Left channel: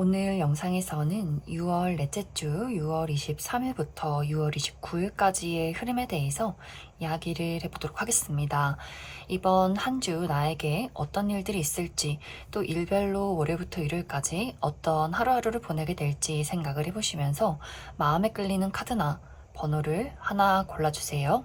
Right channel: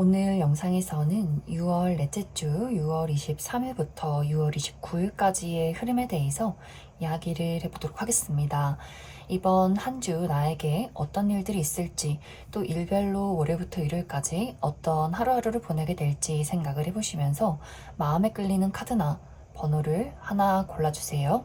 오늘 영상에서는 6월 넷째 주 6월 23일부터 6월 29일까지의 흐름에 대해서 이야기를 해보도록 하겠습니다. 이번 한 주 나에게 어떤 일들이 있을지, 또 일별로 월요일부터 일요일까지 어떤 하루하루를 보내게 될지 생각을 해보시면서 마음에 끌리는 카드나 번호를 하나 골라주세요.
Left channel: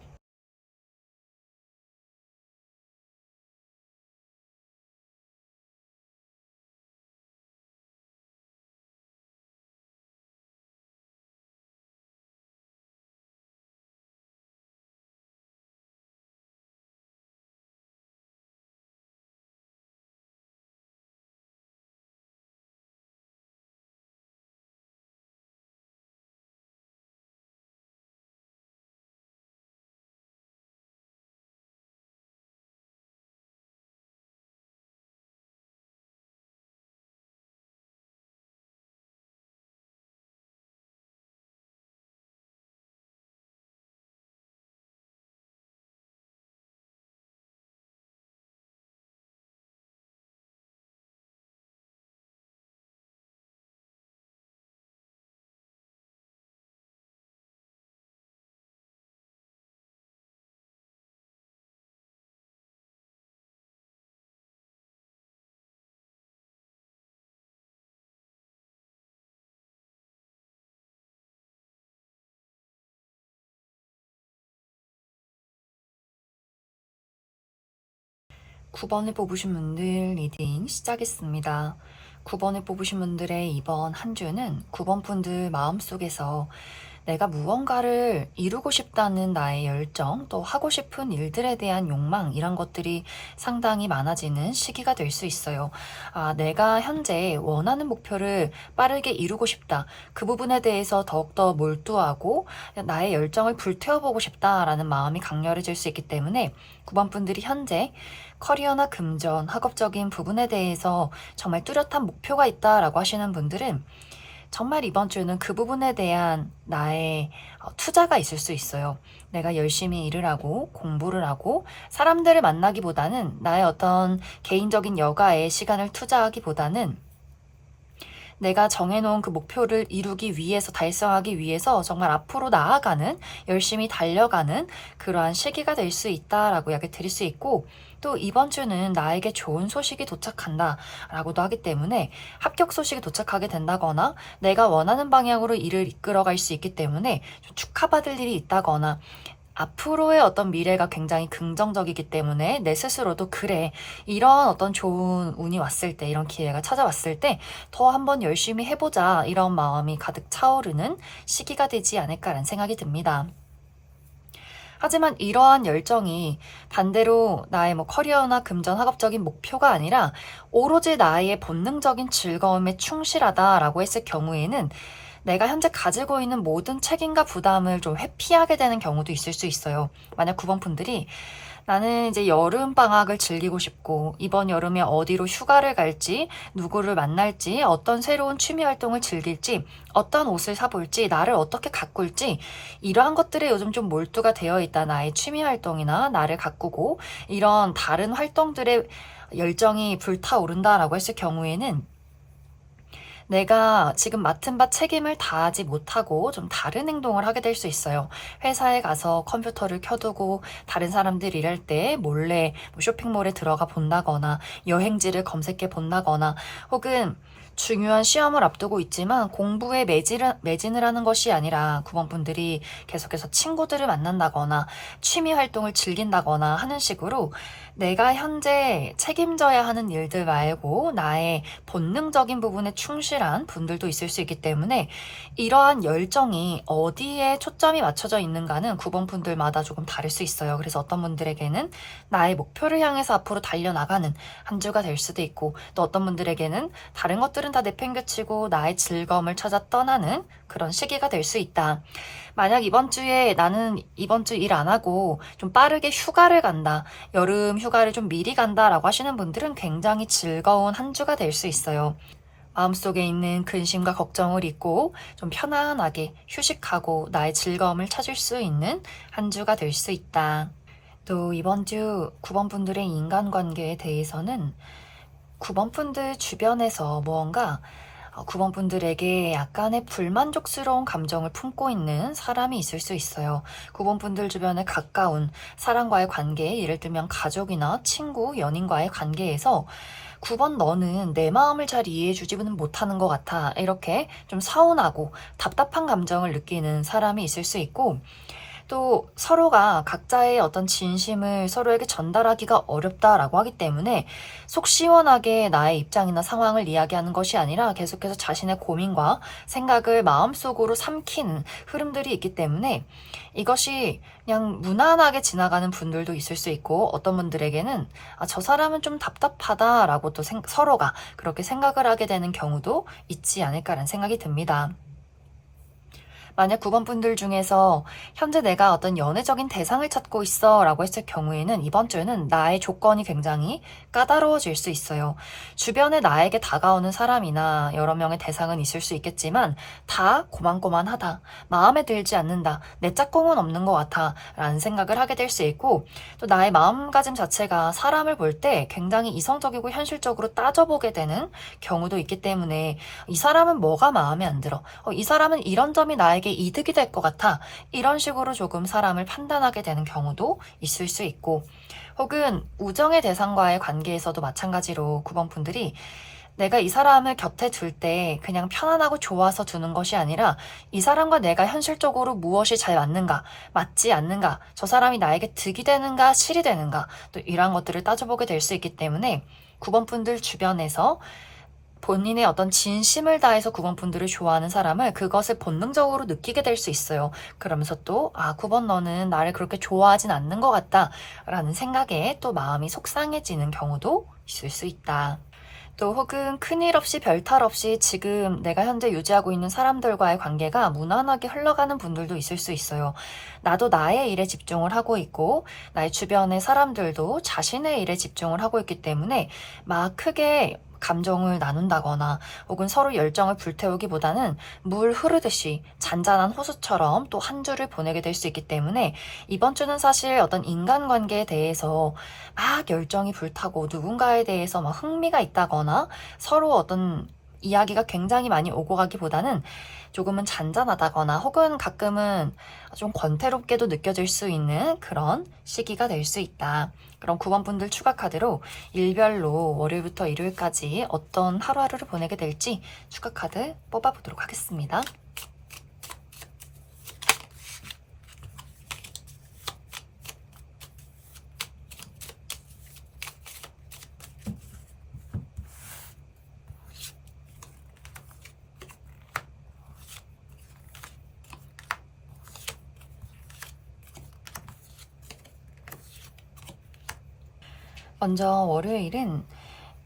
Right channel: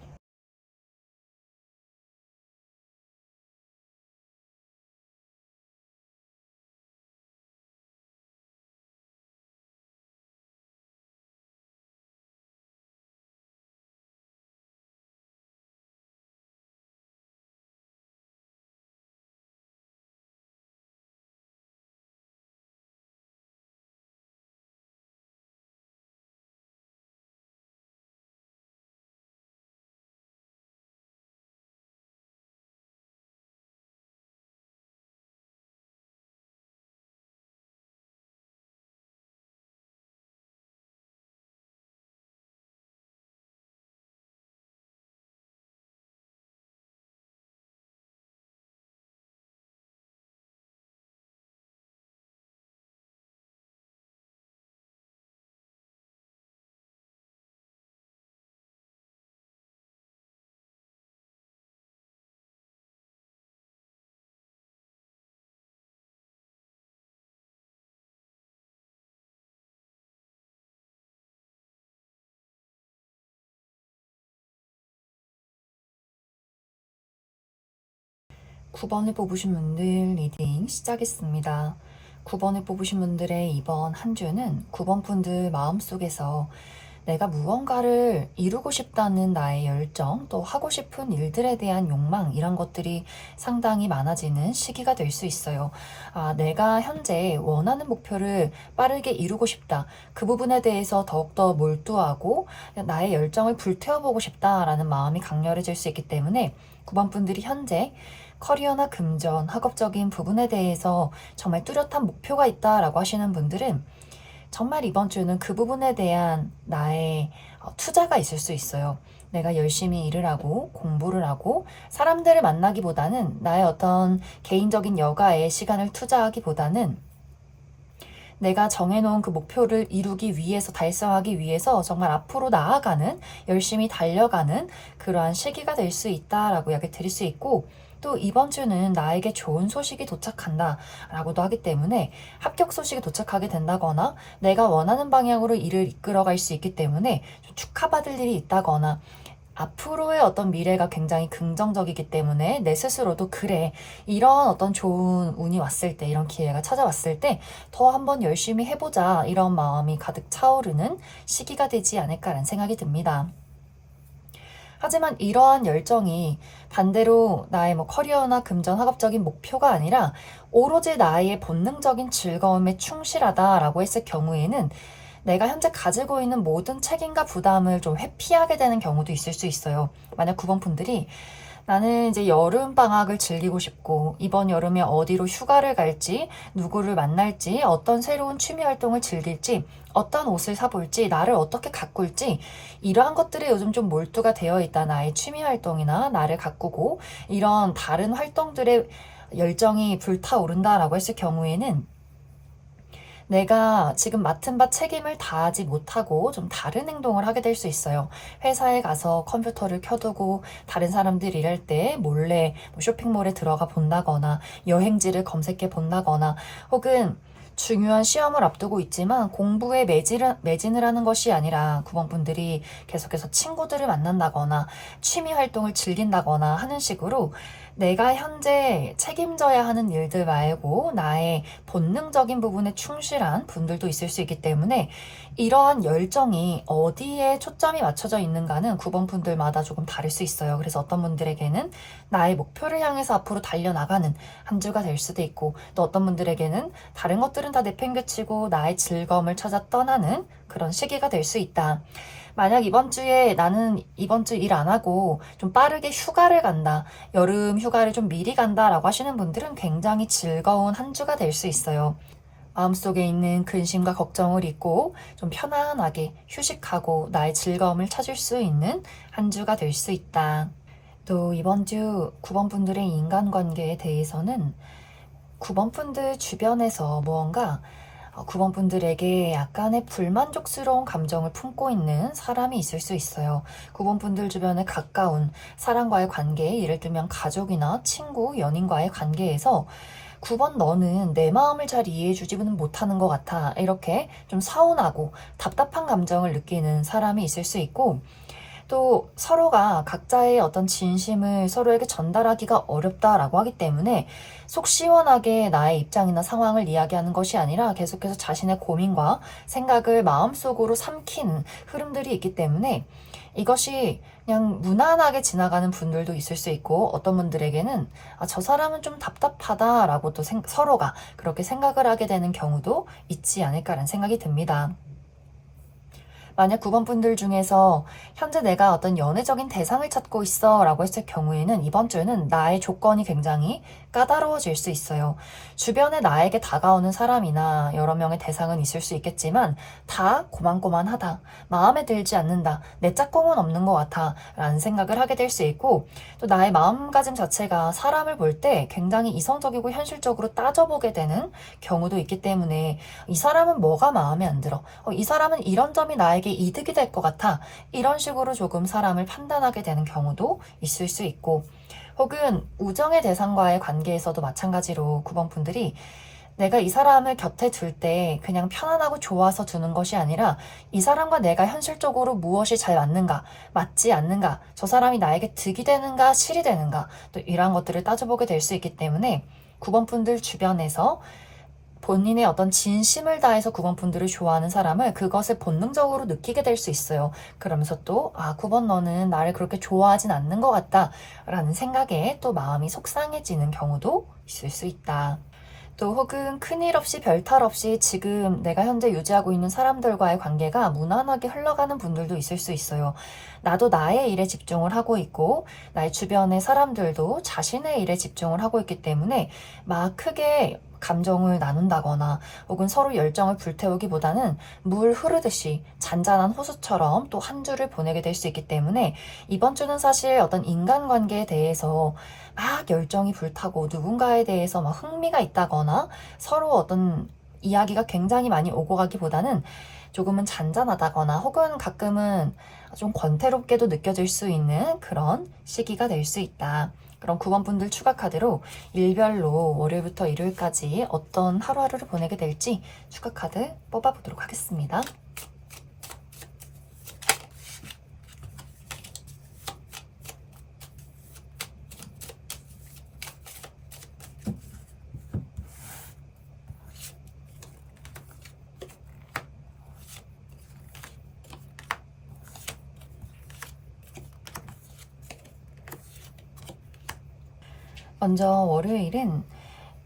9번을 뽑으신 분들 리딩 시작했습니다. 9번을 뽑으신 분들의 이번 한 주는 9번 분들 마음속에서 내가 무언가를 이루고 싶다는 나의 열정, 또 하고 싶은 일들에 대한 욕망, 이런 것들이 상당히 많아지는 시기가 될 수 있어요. 내가 현재 원하는 목표를 빠르게 이루고 싶다. 그 부분에 대해서 더욱더 몰두하고 나의 열정을 불태워보고 싶다라는 마음이 강렬해질 수 있기 때문에 9번 분들이 현재 커리어나 금전, 학업적인 부분에 대해서 정말 뚜렷한 목표가 있다라고 하시는 분들은 정말 이번 주는 그 부분에 대한 나의 투자가 있을 수 있어요. 내가 열심히 일을 하고 공부를 하고 사람들을 만나기보다는 나의 어떤 개인적인 여가에 시간을 투자하기보다는 내가 정해놓은 그 목표를 이루기 위해서, 달성하기 위해서 정말 앞으로 나아가는, 열심히 달려가는 그러한 시기가 될 수 있다라고 이야기 드릴 수 있고, 또 이번 주는 나에게 좋은 소식이 도착한다 라고도 하기 때문에 합격 소식이 도착하게 된다거나 내가 원하는 방향으로 일을 이끌어갈 수 있기 때문에 축하받을 일이 있다거나 앞으로의 어떤 미래가 굉장히 긍정적이기 때문에 내 스스로도 그래, 이런 어떤 좋은 운이 왔을 때, 이런 기회가 찾아왔을 때 더 한번 열심히 해보자, 이런 마음이 가득 차오르는 시기가 되지 않을까라는 생각이 듭니다. 하지만 이러한 열정이 반대로 나의 커리어나 금전 학업적인 목표가 아니라 오로지 나의 본능적인 즐거움에 충실하다라고 했을 경우에는 내가 현재 가지고 있는 모든 책임과 부담을 좀 회피하게 되는 경우도 있을 수 있어요. 만약 9번 분들이 나는 이제 여름 방학을 즐기고 싶고 이번 여름에 어디로 휴가를 갈지, 누구를 만날지, 어떤 새로운 취미 활동을 즐길지, 어떤 옷을 사볼지, 나를 어떻게 가꿀지, 이러한 것들에 요즘 좀 몰두가 되어 있다. 나의 취미 활동이나 나를 가꾸고 이런 다른 활동들의 열정이 불타오른다라고 했을 경우에는 내가 지금 맡은 바 책임을 다하지 못하고 좀 다른 행동을 하게 될 수 있어요. 회사에 가서 컴퓨터를 켜두고 다른 사람들 일할 때 몰래 쇼핑몰에 들어가 본다거나 여행지를 검색해 본다거나 혹은 중요한 시험을 앞두고 있지만 공부에 매진을 하는 것이 아니라 9번 분들이 계속해서 친구들을 만난다거나 취미 활동을 즐긴다거나 하는 식으로 내가 현재 책임져야 하는 일들 말고 나의 본능적인 부분에 충실한 분들도 있을 수 있기 때문에 이러한 열정이 어디에 초점이 맞춰져 있는가는 9번 분들마다 조금 다를 수 있어요. 그래서 어떤 분들에게는 나의 목표를 향해서 앞으로 달려나가는 한 주가 될 수도 있고, 또 어떤 분들에게는 다른 것들은 다 내팽개치고 나의 즐거움을 찾아 떠나는 그런 시기가 될 수 있다. 만약 이번 주에 나는 이번 주 일 안 하고 좀 빠르게 휴가를 간다, 여름 휴가를 좀 미리 간다라고 하시는 분들은 굉장히 즐거운 한 주가 될 수 있어요. 마음속에 있는 근심과 걱정을 잊고 좀 편안하게 휴식하고 나의 즐거움을 찾을 수 있는 한 주가 될 수 있다. 또 이번 주 9번 분들의 인간관계에 대해서는 9번 분들 주변에서 무언가 9번 분들에게 약간의 불만족스러운 감정을 품고 있는 사람이 있을 수 있어요. 9번 분들 주변에 가까운 사람과의 관계, 예를 들면 가족이나 친구, 연인과의 관계에서 9번 너는 내 마음을 잘 이해해주지는 못하는 것 같아. 이렇게 좀 서운하고 답답한 감정을 느끼는 사람이 있을 수 있고, 또 서로가 각자의 어떤 진심을 서로에게 전달하기가 어렵다라고 하기 때문에 속 시원하게 나의 입장이나 상황을 이야기하는 것이 아니라 계속해서 자신의 고민과 생각을 마음속으로 삼키는 흐름들이 있기 때문에 이것이 그냥 무난하게 지나가는 분들도 있을 수 있고, 어떤 분들에게는 저 사람은 좀 답답하다라고 또 서로가 그렇게 생각을 하게 되는 경우도 있지 않을까라는 생각이 듭니다. 만약 9번 분들 중에서 현재 내가 어떤 연애적인 대상을 찾고 있어 라고 했을 경우에는 이번 주는 나의 조건이 굉장히 까다로워질 수 있어요. 주변에 나에게 다가오는 사람이나 여러 명의 대상은 있을 수 있겠지만 다 고만고만하다, 마음에 들지 않는다, 내 짝꿍은 없는 것 같아 라는 생각을 하게 될 수 있고, 또 나의 마음가짐 자체가 사람을 볼 때 굉장히 이성적이고 현실적으로 따져보게 되는 경우도 있기 때문에 이 사람은 뭐가 마음에 안 들어? 이 사람은 이런 점이 나에게 이득이 될 것 같아. 이런 식으로 조금 사람을 판단하게 되는 경우도 있을 수 있고, 혹은 우정의 대상과의 관계에서도 마찬가지로 9번 분들이 내가 이 사람을 곁에 둘 때 그냥 편안하고 좋아서 두는 것이 아니라 이 사람과 내가 현실적으로 무엇이 잘 맞는가, 맞지 않는가, 저 사람이 나에게 득이 되는가, 실이 되는가, 또 이러한 것들을 따져보게 될 수 있기 때문에 9번 분들 주변에서 본인의 어떤 진심을 다해서 9번 분들을 좋아하는 사람을 그것을 본능적으로 느끼게 될 수 있어요. 그러면서 또 9번 너는 나를 그렇게 좋아하진 않는 것 같다 라는 생각에 또 마음이 속상해지는 경우도 있을 수 있다. 또 혹은 큰일 없이 별탈 없이 지금 내가 현재 유지하고 있는 사람들과의 관계가 무난하게 흘러가는 분들도 있을 수 있어요. 나도 나의 일에 집중을 하고 있고 나의 주변의 사람들도 자신의 일에 집중을 하고 있기 때문에 막 크게 감정을 나눈다거나 혹은 서로 열정을 불태우기보다는 물 흐르듯이 잔잔한 호수처럼 또 한 주를 보내게 될 수 있기 때문에 이번 주는 사실 어떤 인간관계에 대해서 막 열정이 불타고 누군가에 대해서 막 흥미가 있다거나 서로 어떤 이야기가 굉장히 많이 오고 가기보다는 조금은 잔잔하다거나 혹은 가끔은 좀 권태롭게도 느껴질 수 있는 그런 시기가 될 수 있다. 그럼 9번 분들 추가 카드로 일별로 월요일부터 일요일까지 어떤 하루하루를 보내게 될지 추가 카드 뽑아보도록 하겠습니다. 먼저 월요일은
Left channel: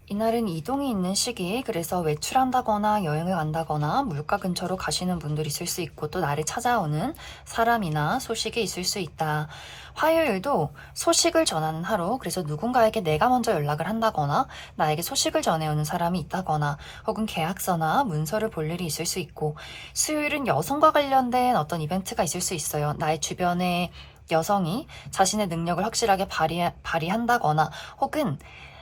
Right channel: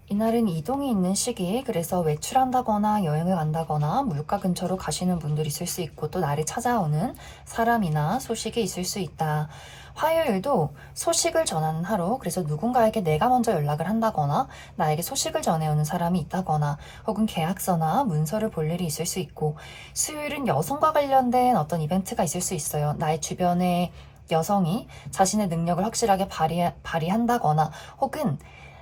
이날은 이동이 있는 시기, 그래서 외출한다거나 여행을 간다거나 물가 근처로 가시는 분들이 있을 수 있고, 또 나를 찾아오는 사람이나 소식이 있을 수 있다. 화요일도 소식을 전하는 하루, 그래서 누군가에게 내가 먼저 연락을 한다거나 나에게 소식을 전해오는 사람이 있다거나 혹은 계약서나 문서를 볼 일이 있을 수 있고, 수요일은 여성과 관련된 어떤 이벤트가 있을 수 있어요. 나의 주변에 여성이 자신의 능력을 확실하게 발휘한다거나 혹은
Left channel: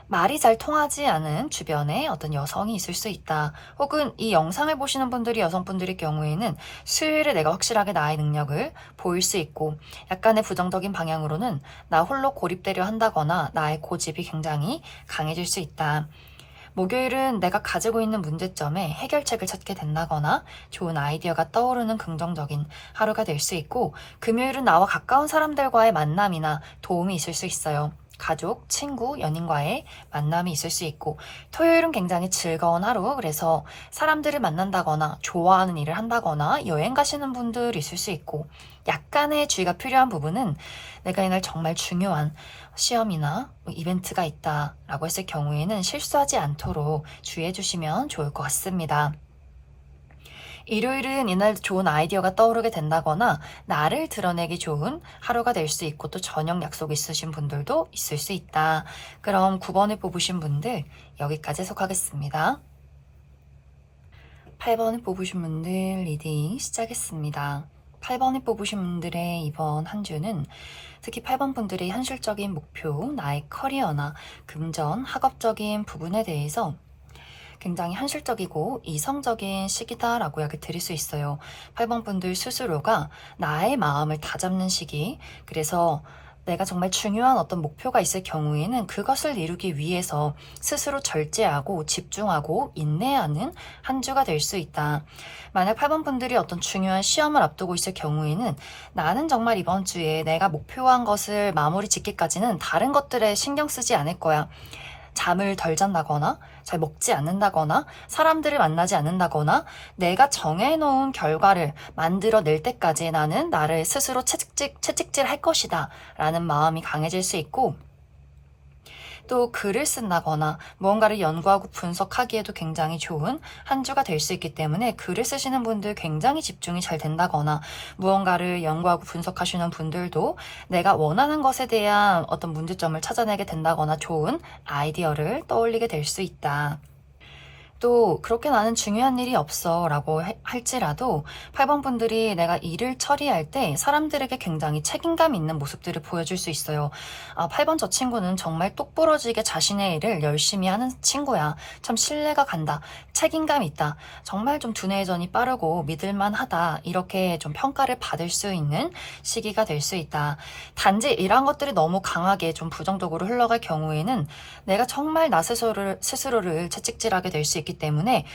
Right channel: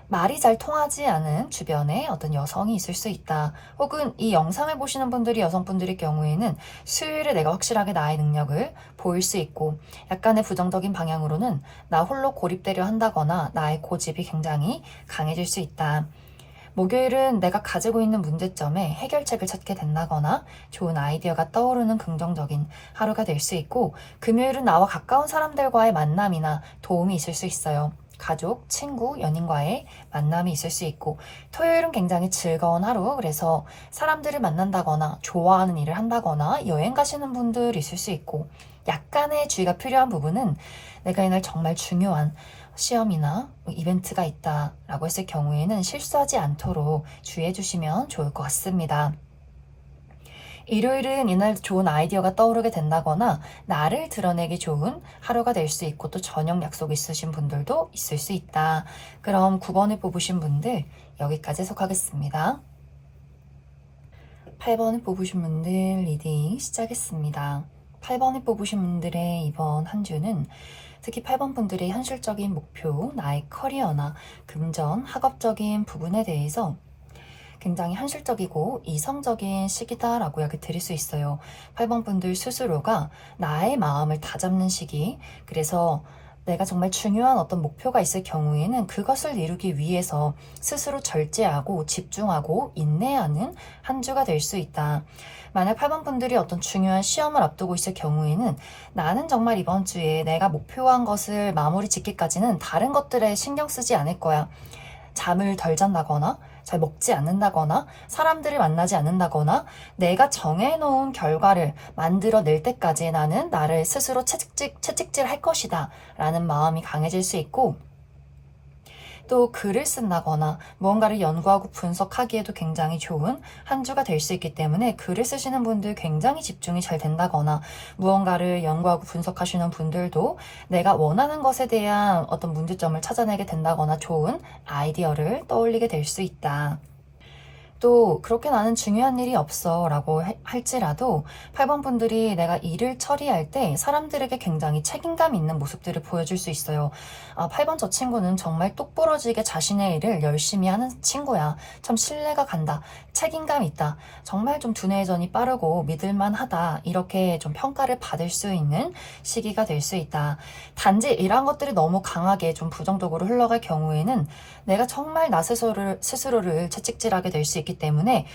말이 잘 통하지 않은 주변에 어떤 여성이 있을 수 있다. 혹은 이 영상을 보시는 분들이 여성분들일 경우에는 수요일에 내가 확실하게 나의 능력을 보일 수 있고, 약간의 부정적인 방향으로는 나 홀로 고립되려 한다거나 나의 고집이 굉장히 강해질 수 있다. 목요일은 내가 가지고 있는 문제점에 해결책을 찾게 된다거나 좋은 아이디어가 떠오르는 긍정적인 하루가 될 수 있고, 금요일은 나와 가까운 사람들과의 만남이나 도움이 있을 수 있어요. 가족, 친구, 연인과의 만남이 있을 수 있고, 토요일은 굉장히 즐거운 하루, 그래서 사람들을 만난다거나 좋아하는 일을 한다거나 여행 가시는 분들이 있을 수 있고, 약간의 주의가 필요한 부분은 내가 이날 정말 중요한 시험이나 이벤트가 있다라고 했을 경우에는 실수하지 않도록 주의해 주시면 좋을 것 같습니다. 일요일은 이날 좋은 아이디어가 떠오르게 된다거나 나를 드러내기 좋은 하루가 될 수 있고, 또 저녁 약속 있으신 분들도 있을 수 있다. 그럼 9번을 뽑으신 분들 여기까지 해석하겠습니다. 8번을 뽑으신 분들 리딩 시작했습니다. 8번을 뽑으신 분들의 이번 한 주는 특히 8번 분들의 현실적인 목표, 나의 커리어나 금전, 학업적인 부분에 대해서 굉장히 현실적이고 이성적인 시기다라고 이야기 드릴 수 있어요. 8번 분들 스스로가 나의 마음을 다잡는 시기, 그래서 내가 정말 중요한 어떤 목표가 있을 경우에는 그것을 이루기 위해서 스스로 절제하고 집중하고 인내하는 한 주가 될 수 있다. 만약 8번 분들이 어떤 중요한 시험을 앞두고 있을 경우에는 나는 정말 이번 주에 내가 목표한 것을 마무리 짓기까지는 다른 것들에 신경 쓰지 않을 거야. 잠을 덜 잔다거나 잘 먹지 않는다거나 사람들을 만나지 않는다거나 내가 정해놓은 결과를 만들어낼 때까지 나는 나를 스스로 채찍질 할 것이다 라는 마음이 강해질 수 있고, 또 글을 쓴다거나 무언가를 연구하고 분석하기에도 굉장히 좋은 한 주가 될 수 있기 때문에 글을 쓰시는 분들 굉장히 집중이 잘 된다거나 무언가를 연구하고 분석하시는 분들도 내가 원하는 것에 대한 어떤 문제점을 찾아내게 된다거나 좋은 아이디어를 떠올리게 될 수 있다. 또 그렇게 나는 중요한 일이 없어 라고 할지라도 8번 분들이 내가 일을 처리할 때 사람들에게 굉장히 책임감 있는 모습들을 보여줄 수 있어요. 8번 저 친구는 정말 똑부러지게 자신의 일을 열심히 하는 친구야. 참 신뢰가 간다. 책임감 있다. 정말 좀 두뇌전이 빠르고 믿을만하다. 이렇게 좀 평가를 받을 수 있는 시기가 될 수 있다. 단지 이러한 것들이 너무 강하게 좀 부정적으로 흘러갈 경우에는 내가 정말 나 스스로를 채찍질하게 될 수 있기 때문에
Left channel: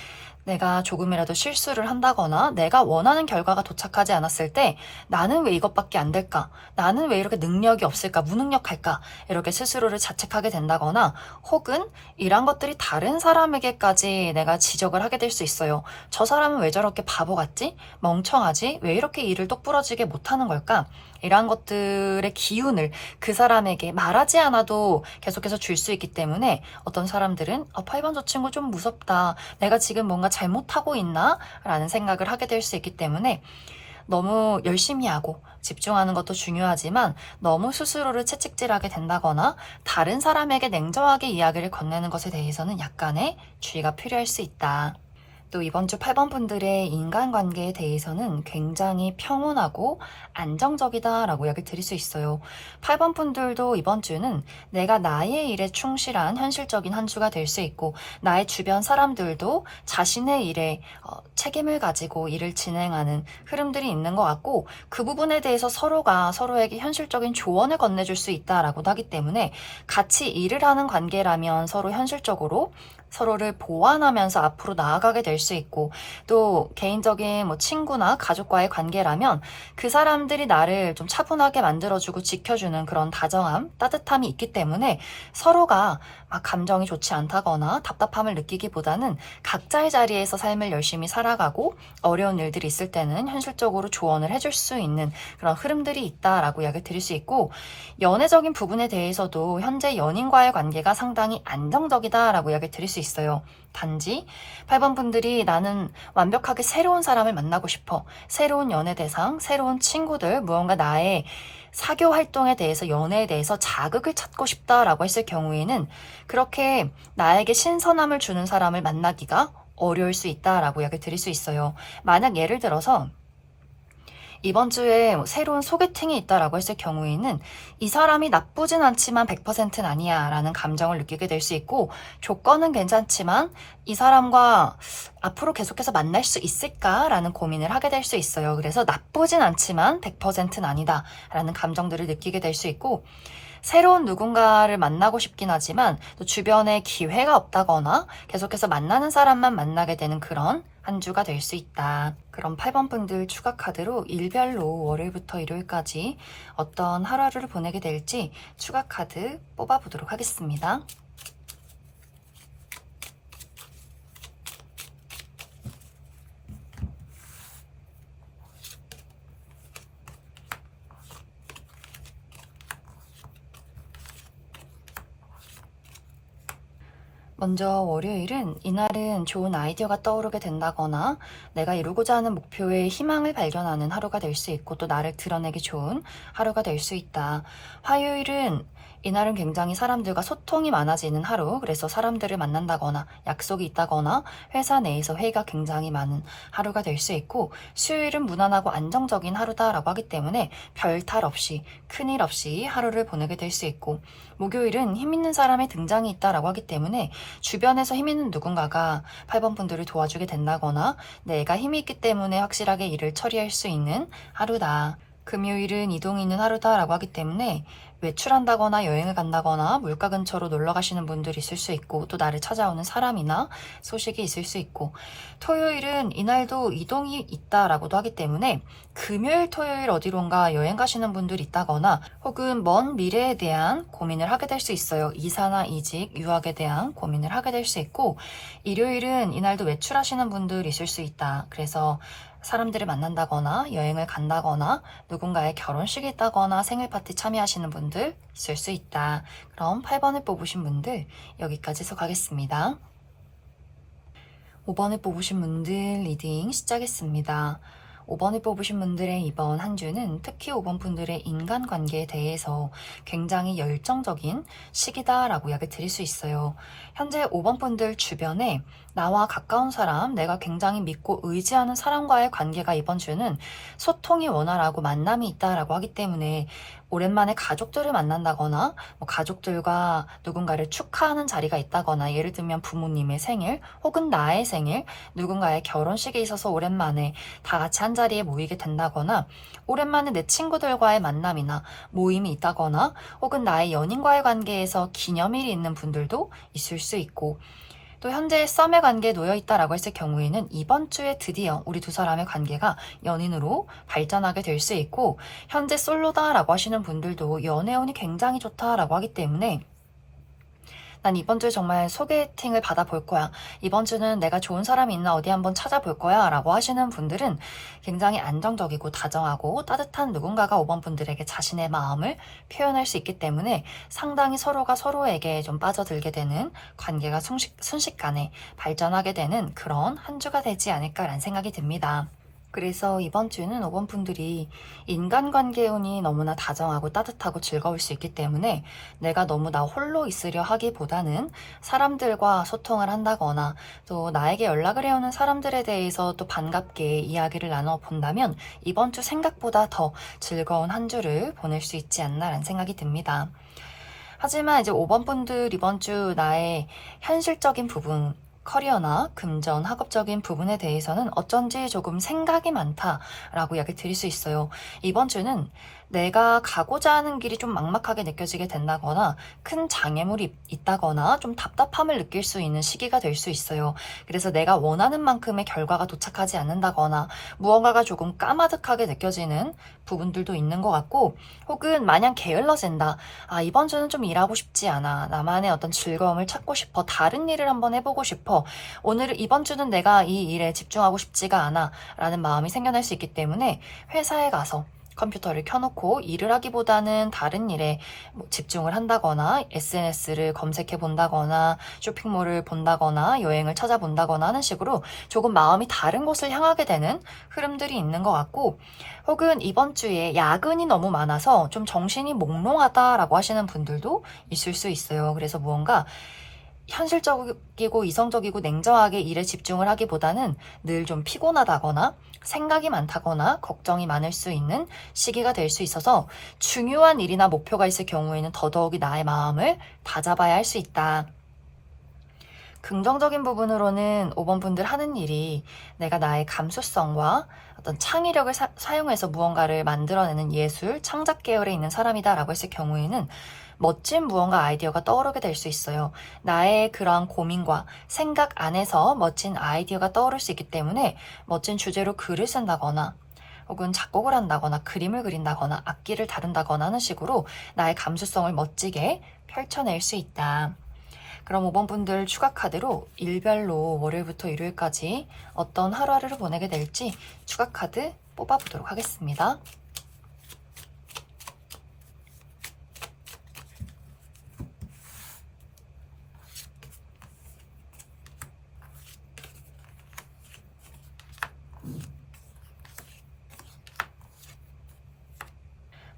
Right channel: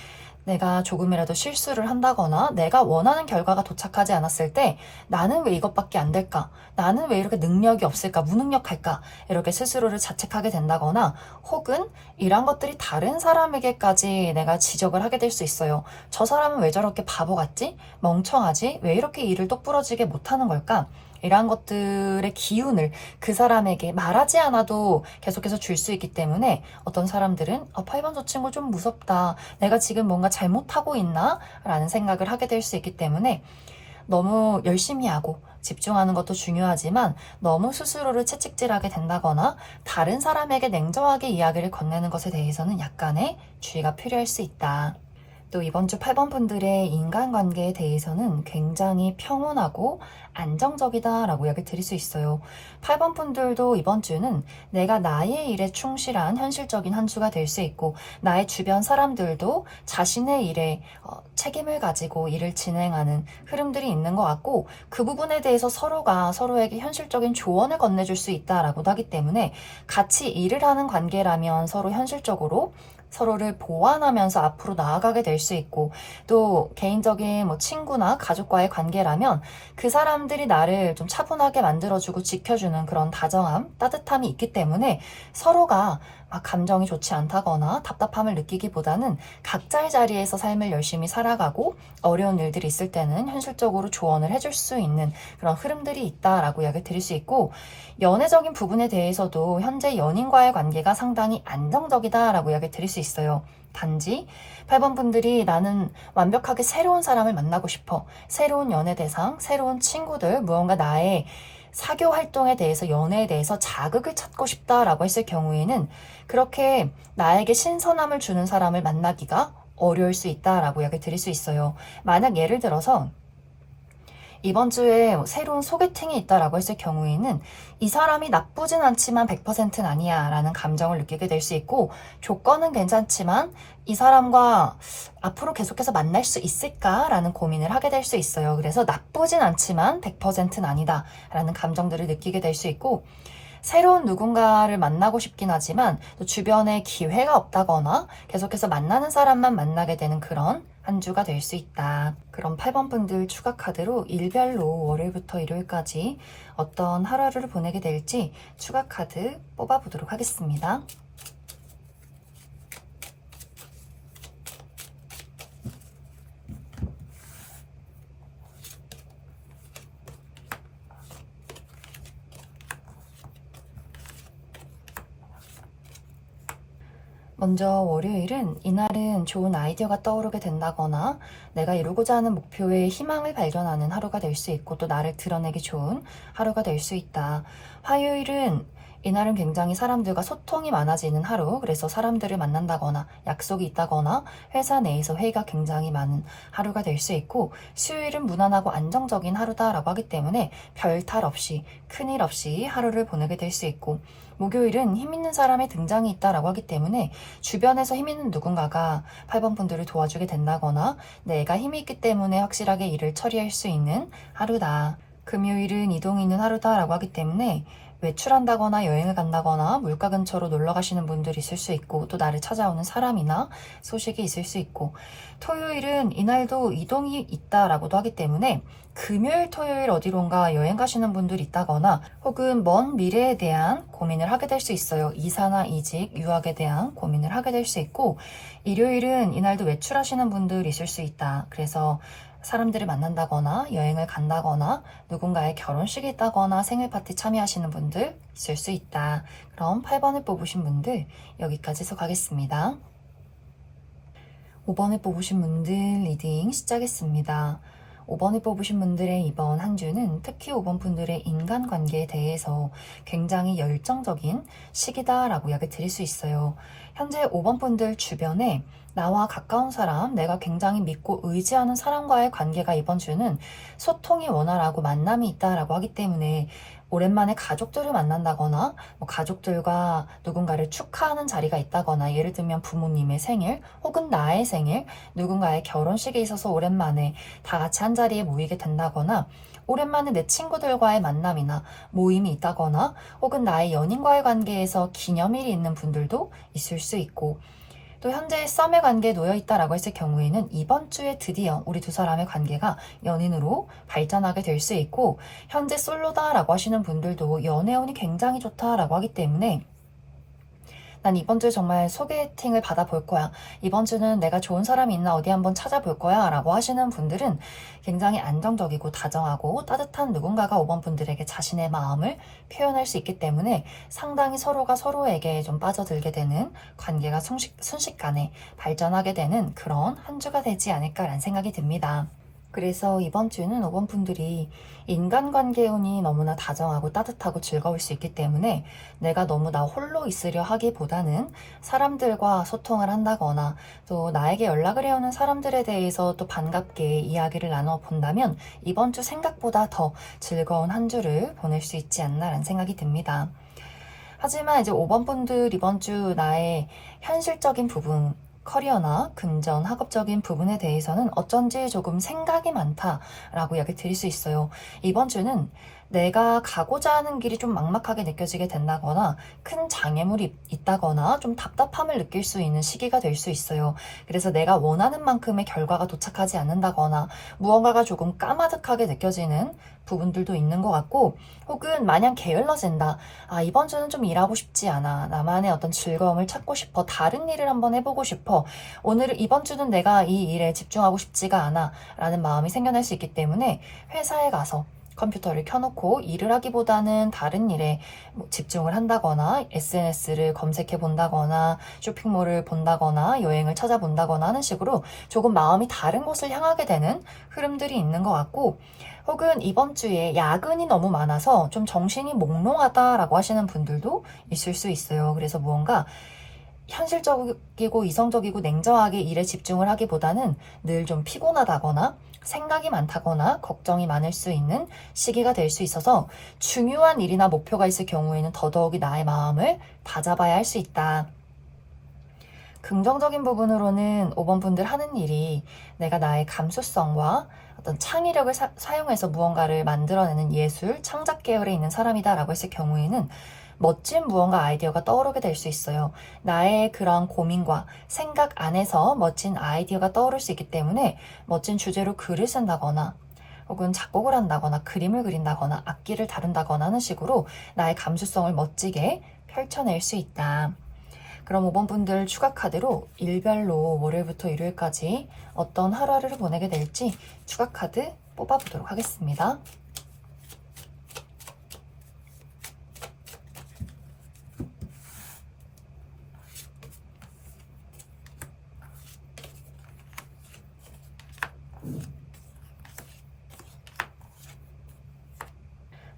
내가 조금이라도 실수를 한다거나 내가 원하는 결과가 도착하지 않았을 때 나는 왜 이것밖에 안 될까? 나는 왜 이렇게 능력이 없을까? 무능력할까? 이렇게 스스로를 자책하게 된다거나 혹은 이런 것들이 다른 사람에게까지 내가 지적을 하게 될 수 있어요. 저 사람은 왜 저렇게 바보 같지? 멍청하지? 왜 이렇게 일을 똑부러지게 못하는 걸까? 이러한 것들의 기운을 그 사람에게 말하지 않아도 계속해서 줄 수 있기 때문에 어떤 사람들은 8번 저 친구 좀 무섭다. 내가 지금 뭔가 잘못하고 있나? 라는 생각을 하게 될 수 있기 때문에 너무 열심히 하고 집중하는 것도 중요하지만 너무 스스로를 채찍질하게 된다거나 다른 사람에게 냉정하게 이야기를 건네는 것에 대해서는 약간의 주의가 필요할 수 있다. 또 이번 주 8번 분들의 인간관계에 대해서는 굉장히 평온하고 안정적이다라고 이야기를 드릴 수 있어요. 8번 분들도 이번 주는 내가 나의 일에 충실한 현실적인 한 주가 될 수 있고 나의 주변 사람들도 자신의 일에 책임을 가지고 일을 진행하는 흐름들이 있는 것 같고 그 부분에 대해서 서로가 서로에게 현실적인 조언을 건네줄 수 있다라고도 하기 때문에 같이 일을 하는 관계라면 서로 현실적으로 서로를 보완하면서 앞으로 나아가게 될 수 있고 또 개인적인 친구나 가족과의 관계라면 그 사람들이 나를 좀 차분하게 만들어주고 지켜주는 그런 다정함, 따뜻함이 있기 때문에 서로가 막 감정이 좋지 않다거나 답답함을 느끼기보다는 각자의 자리에서 삶을 열심히 살아가고 어려운 일들이 있을 때는 현실적으로 조언을 해줄 수 있는 그런 흐름들이 있다라고 이야기 드릴 수 있고 연애적인 부분에 대해서도 현재 연인과의 관계가 상당히 안정적이다라고 이야기 드릴 수 있어요. 단지 8번 분들이 나는 완벽하게 새로운 사람을 만나고 싶어. 새로운 연애 대상, 새로운 친구들, 무언가 나의 사교 활동에 대해서 연애에 대해서 자극을 찾고 싶다라고 했을 경우에는 그렇게 나에게 신선함을 주는 사람을 만나기가 어려울 수 있다라고 이야기 드릴 수 있어요. 만약 예를 들어서 이번 주에 새로운 소개팅이 있다라고 했을 경우에는 이 사람이 나쁘진 않지만 100%는 아니야 라는 감정을 느끼게 될 수 있고 조건은 괜찮지만 이 사람과 앞으로 계속해서 만날 수 있을까 라는 고민을 하게 될 수 있어요. 그래서 나쁘진 않지만 100%는 아니다 라는 감정들을 느끼게 될 수 있고 새로운 누군가를 만나고 싶긴 하지만 또 주변에 기회가 없다거나 계속해서 만나는 사람만 만나게 되는 그런 한 주가 될 수 있다. 그럼 8번 분들 추가 카드로 일별로 월요일부터 일요일까지 어떤 하루를 보내게 될지 추가 카드 뽑아보도록 하겠습니다. 먼저 월요일은 이날은 좋은 아이디어가 떠오르게 된다거나 내가 이루고자 하는 목표에 희망을 발견하는 하루가 될 수 있고 또 나를 드러내기 좋은 하루가 될 수 있다. 화요일은 이날은 굉장히 사람들과 소통이 많아지는 하루, 그래서 사람들을 만난다거나 약속이 있다거나 회사 내에서 회의가 굉장히 많은 하루가 될 수 있고, 수요일은 무난하고 안정적인 하루다라고 하기 때문에 별 탈 없이 큰일 없이 하루를 보내게 될 수 있고, 목요일은 힘 있는 사람의 등장이 있다라고 하기 때문에 주변에서 힘 있는 누군가가 8번 분들을 도와주게 된다거나 내가 힘이 있기 때문에 확실하게 일을 처리할 수 있는 하루다. 금요일은 이동이 있는 하루다라고 하기 때문에 외출한다거나 여행을 간다거나 물가 근처로 놀러 가시는 분들이 있을 수 있고, 또 나를 찾아오는 사람이나 소식이 있을 수 있고, 토요일은 이날도 이동이 있다라고도 하기 때문에 금요일 토요일 어디론가 여행 가시는 분들이 있다거나 혹은 먼 미래에 대한 고민을 하게 될 수 있어요. 이사나 이직, 유학에 대한 고민을 하게 될 수 있고, 일요일은 이날도 외출하시는 분들이 있을 수 있다. 그래서 사람들을 만난다거나 여행을 간다거나 누군가의 결혼식이 있다거나 생일 파티 참여하시는 분들 있을 수 있다. 그럼 8번을 뽑으신 분들 여기까지 해석하겠습니다. 5번을 뽑으신 분들 리딩 시작했습니다. 5번을 뽑으신 분들의 이번 한 주는 특히 5번 분들의 인간관계에 대해서 굉장히 열정적인 시기다라고 이야기 드릴 수 있어요. 현재 5번 분들 주변에 나와 가까운 사람, 내가 굉장히 믿고 의지하는 사람과의 관계가 이번 주는 소통이 원활하고 만남이 있다라고 하기 때문에 오랜만에 가족들을 만난다거나 가족들과 누군가를 축하하는 자리가 있다거나, 예를 들면 부모님의 생일 혹은 나의 생일, 누군가의 결혼식에 있어서 오랜만에 다 같이 한 자리에 모이게 된다거나, 오랜만에 내 친구들과의 만남이나 모임이 있다거나, 혹은 나의 연인과의 관계에서 기념일이 있는 분들도 있을 수 있고, 또 현재 썸의 관계에 놓여 있다라고 했을 경우에는 이번 주에 드디어 우리 두 사람의 관계가 연인으로 발전하게 될 수 있고, 현재 솔로다라고 하시는 분들도 연애운이 굉장히 좋다라고 하기 때문에 난 이번 주에 정말 소개팅을 받아볼 거야, 이번 주는 내가 좋은 사람이 있나 어디 한번 찾아볼 거야 라고 하시는 분들은 굉장히 안정적이고 다정하고 따뜻한 누군가가 5번 분들에게 자신의 마음을 표현할 수 있기 때문에 상당히 서로가 서로에게 좀 빠져들게 되는, 관계가 순식간에 발전하게 되는 그런 한 주가 되지 않을까라는 생각이 듭니다. 그래서 이번 주는 5번 분들이 인간관계 운이 너무나 다정하고 따뜻하고 즐거울 수 있기 때문에 내가 너무 나 홀로 있으려 하기보다는 사람들과 소통을 한다거나 또 나에게 연락을 해오는 사람들에 대해서 또 반갑게 이야기를 나눠본다면 이번 주 생각보다 더 즐거운 한 주를 보낼 수 있지 않나라는 생각이 듭니다. 하지만 이제 5번 분들 이번 주 나의 현실적인 부분, 커리어나 금전, 학업적인 부분에 대해서는 어쩐지 조금 생각이 많다라고 이야기 드릴 수 있어요. 이번 주는 내가 가고자 하는 길이 좀 막막하게 느껴지게 된다거나 큰 장애물이 있다거나 좀 답답함을 느낄 수 있는 시기가 될 수 있어요. 그래서 내가 원하는 만큼의 결과가 도착하지 않는다거나 무언가가 조금 까마득하게 느껴지는 부분들도 있는 것 같고, 혹은 마냥 게을러진다. 아, 이번 주는 좀 일하고 싶지 않아. 나만의 어떤 즐거움을 찾고 싶어. 다른 일을 한번 해보고 싶어. 이번 주는 내가 이 일에 집중하고 싶지가 않아. 라는 마음이 생겨날 수 있기 때문에 회사에 가서 컴퓨터를 켜놓고 일을 하기보다는 다른 일에 집중을 한다거나 SNS를 검색해 본다거나 쇼핑몰을 본다거나 여행을 찾아본다거나 하는 식으로 조금 마음이 다른 곳을 향하게 되는 흐름들이 있는 것 같고, 혹은 이번 주에 야근이 너무 많아서 좀 정신이 몽롱하다라고 하시는 분들도 있을 수 있어요. 그래서 무언가 현실적이고 이성적이고 냉정하게 일에 집중을 하기보다는 늘 좀 피곤하다거나 생각이 많다거나 걱정이 많을 수 있는 시기가 될 수 있어서 중요한 일이나 목표가 있을 경우에는 더더욱이 나의 마음을 다잡아야 할 수 있다. 긍정적인 부분으로는 5번 분들 하는 일이 내가 나의 감수성과 어떤 창의력을 사용해서 무언가를 만들어내는 예술, 창작 계열에 있는 사람이다라고 했을 경우에는 멋진 무언가 아이디어가 떠오르게 될 수 있어요. 나의 그러한 고민과 생각 안에서 멋진 아이디어가 떠오를 수 있기 때문에 멋진 주제로 글을 쓴다거나 혹은 작곡을 한다거나 그림을 그린다거나 악기를 다룬다거나 하는 식으로 나의 감수성을 멋지게 펼쳐낼 수 있다. 그럼 5번 분들 추가 카드로 일별로 월요일부터 일요일까지 어떤 하루하루를 보내게 될지 추가 카드 뽑아보도록 하겠습니다.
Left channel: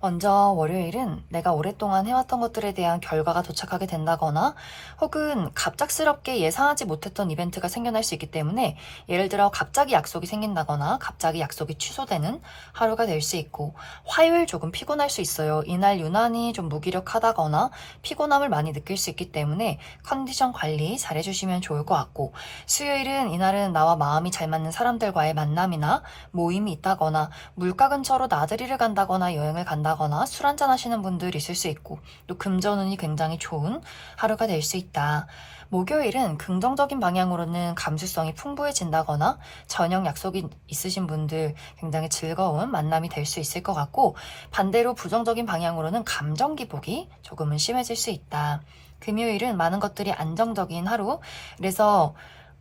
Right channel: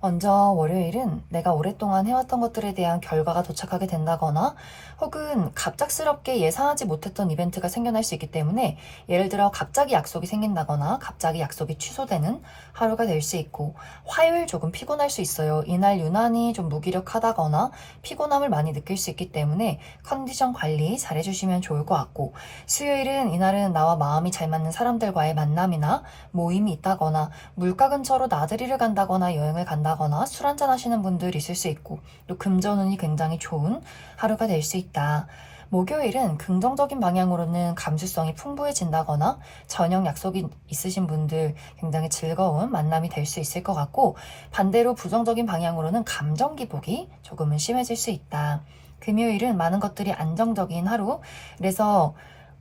먼저 월요일은 내가 오랫동안 해왔던 것들에 대한 결과가 도착하게 된다거나 혹은 갑작스럽게 예상하지 못했던 이벤트가 생겨날 수 있기 때문에 예를 들어 갑자기 약속이 생긴다거나 갑자기 약속이 취소되는 하루가 될 수 있고, 화요일 조금 피곤할 수 있어요. 이날 유난히 좀 무기력하다거나 피곤함을 많이 느낄 수 있기 때문에 컨디션 관리 잘 해주시면 좋을 것 같고, 수요일은 이날은 나와 마음이 잘 맞는 사람들과의 만남이나 모임이 있다거나 물가 근처로 나들이를 간다거나 여행을 간다거나 술 한잔 하시는 분들 있을 수 있고, 또 금전운이 굉장히 좋은 하루가 될 수 있다. 목요일은 긍정적인 방향으로는 감수성이 풍부해진다거나 저녁 약속이 있으신 분들 굉장히 즐거운 만남이 될 수 있을 것 같고, 반대로 부정적인 방향으로는 감정 기복이 조금은 심해질 수 있다. 금요일은 많은 것들이 안정적인 하루, 그래서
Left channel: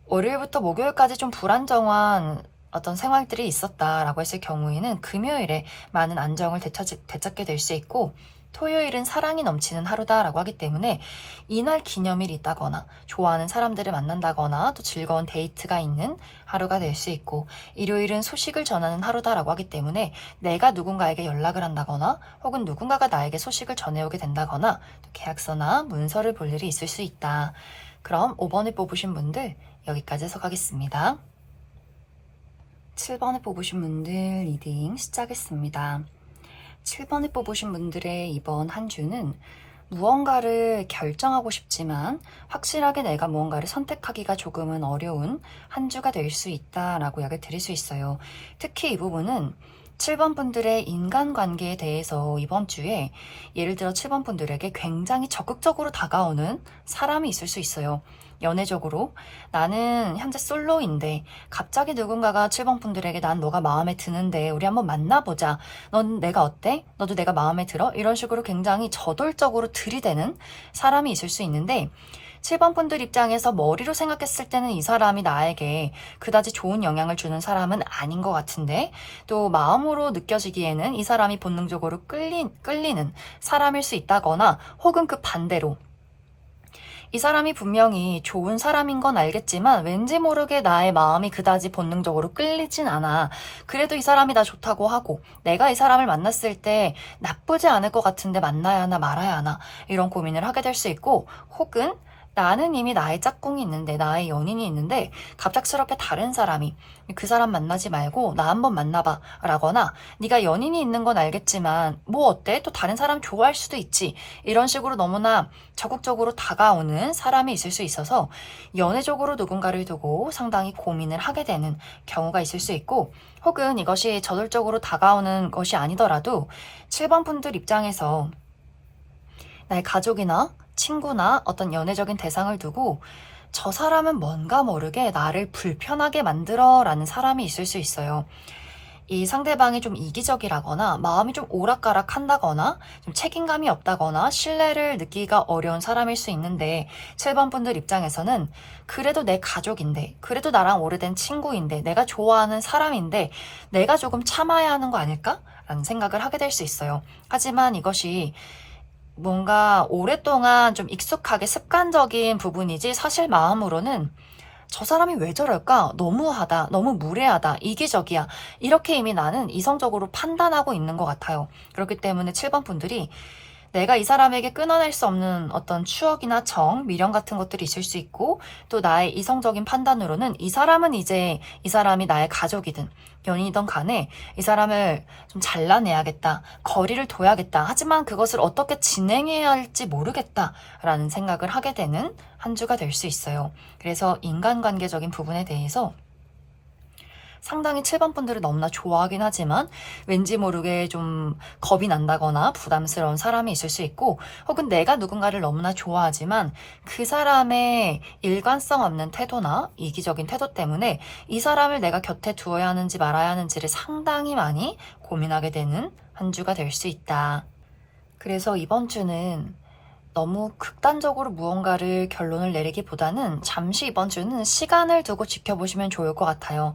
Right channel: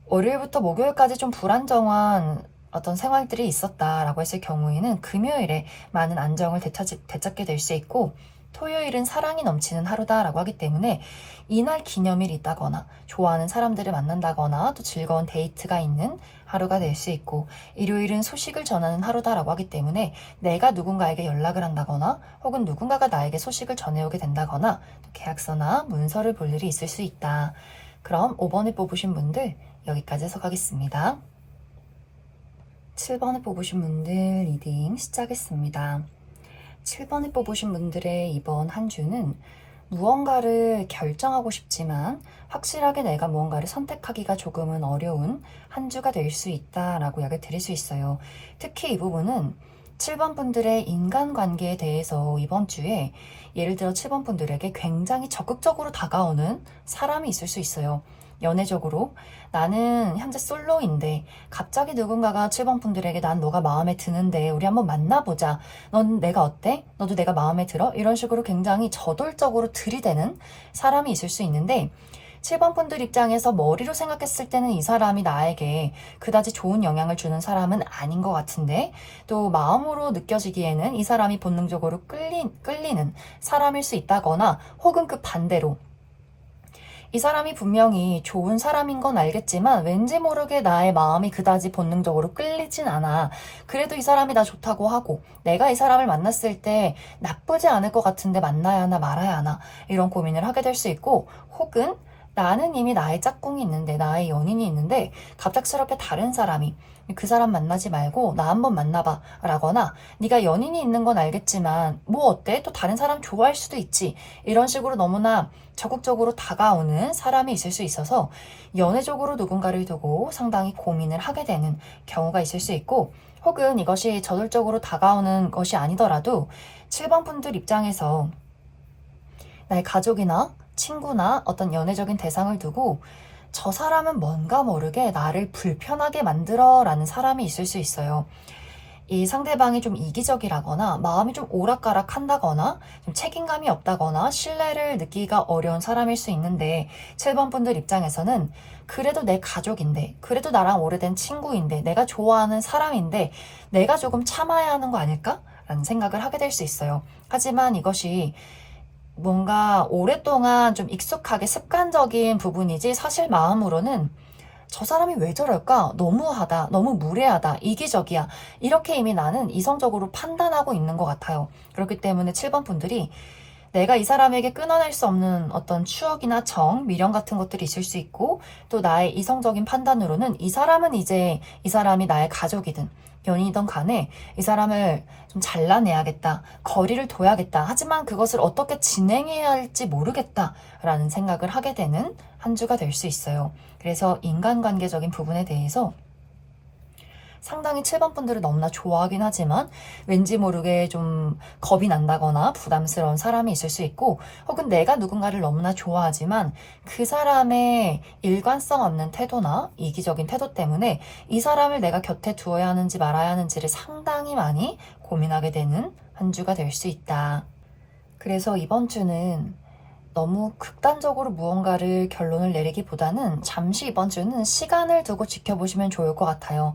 월요일부터 목요일까지 좀 불안정한 어떤 생활들이 있었다라고 했을 경우에는 금요일에 많은 안정을 되찾게 될 수 있고, 토요일은 사랑이 넘치는 하루다라고 하기 때문에 이날 기념일이 있다거나 좋아하는 사람들을 만난다거나 또 즐거운 데이트가 있는 하루가 될 수 있고, 일요일은 소식을 전하는 하루다라고 하기 때문에 내가 누군가에게 연락을 한다거나 혹은 누군가가 나에게 소식을 전해오게 된다거나 또 계약서나 문서를 볼 일이 있을 수 있다. 그럼 5번을 뽑으신 분들 여기까지 해석하겠습니다. 7번을 뽑으신 분들 리딩 시작했습니다. 7번을 뽑으신 분들의 이번 한 주는 무언가를 결정하고 싶지만 확실하게 내가 무언가를 선택하기가 조금은 어려운 한 주가 될 수 있다라고 이야기를 드릴 수 있어요. 특히 이 부분은 7번 분들의 인간관계에 대해서 이번 주에 예를 들어 7번 분들에게 굉장히 적극적으로 다가오는 사람이 있을 수 있어요. 연애적으로 나는 현재 솔로인데 갑자기 누군가가 7번 분들에게 난 너가 마음에 드는데 우리 한번 만나보자. 넌 내가 어때? 너도 내가 마음에 들어? 이런 식으로 굉장히 저돌적으로 들이대는 사람이 있을 수 있는데, 7번 분들 입장에서 머리로 생각했을 때는 이 사람이 나에게 그다지 좋은 영향을 주는 사람은 아닌 것 같은데, 또 마음으로 느껴지기에는 이 사람이 본능적으로 끌리는 사람일 수 있다거나, 혹은 그 반대로 이 사람이 분명히 좋은 사람인 건 알겠지만 왠지 모르게 나의 마음이 그다지 본능적으로 끌리진 않아. 그래도 이 사람이 나 좋다고 하고 내가 이 사람을 만났을 때 나쁘지 않을 것 같은데 만나야 하나 말아야 하나 이런 고민을 하게 될 수 있고, 혹은 나는 이미 나의 짝꿍이 있는데 나의 연인이 있는데 갑작스럽게 다른 사람이 그 사람 만나지 말고 나 한번 만나봐 라거나, 네가 연인이 있는 건 알겠지만 뭐 어때? 또 다른 사람 좋아할 수도 있지, 이런 식으로 너무나 적극적으로 다가오는 사람이 있을 수 있어서 연애적으로 누군가를 두고 상당히 고민을 하게 되는 경우가 있을 수 있고, 혹은 이것이 저돌적으로 다가오는 것이 아니더라도 7번 분들 입장에서 나의 가족이나 친구나 어떤 연애적인 대상을 두고 저 사람은 뭔가 모르게 나를 불편하게 만들어 라는 사람이 있을 수 있어요. 이 상대방이 좀 이기적이라거나 마음이 좀 오락가락 한다거나 좀 책임감이 없다거나 신뢰를 느끼기가 어려운 사람일 수 있는데, 7번 분들 입장에서는 그래도 내 가족인데, 그래도 나랑 오래된 친구인데, 내가 좋아하는 사람인데 내가 조금 참아야 하는 거 아닐까? 라는 생각을 하게 될 수 있어요. 하지만 이것이 뭔가 오랫동안 좀 익숙하게 습관적인 부분이지 사실 마음으로는 저 사람이 왜 저럴까? 너무하다, 너무 무례하다, 이기적이야, 이렇게 이미 나는 이성적으로 판단하고 있는 것 같아요. 그렇기 때문에 7번 분들이 내가 이 사람에게 끊어낼 수 없는 어떤 추억이나 정, 미련 같은 것들이 있을 수 있고, 또 나의 이성적인 판단으로는 이 사람은 이제 이 사람이 나의 가족이든 연인이든 간에 이 사람을 좀 잘라내야겠다, 거리를 둬야겠다, 하지만 그것을 어떻게 진행해야 할지 모르겠다라는 생각을 하게 되는 한 주가 될 수 있어요. 그래서 인간관계적인 부분에 대해서 상당히 7번 분들을 너무나 좋아하긴 하지만 왠지 모르게 좀 겁이 난다거나 부담스러운 사람이 있을 수 있고, 혹은 내가 누군가를 너무나 좋아하지만 그 사람의 일관성 없는 태도나 이기적인 태도 때문에 이 사람을 내가 곁에 두어야 하는지 말아야 하는지를 상당히 많이 고민하게 되는 한 주가 될 수 있다. 그래서 이번 주는 너무 극단적으로 무언가를 결론을 내리기보다는 잠시 이번 주는 시간을 두고 지켜보시면 좋을 것 같아요.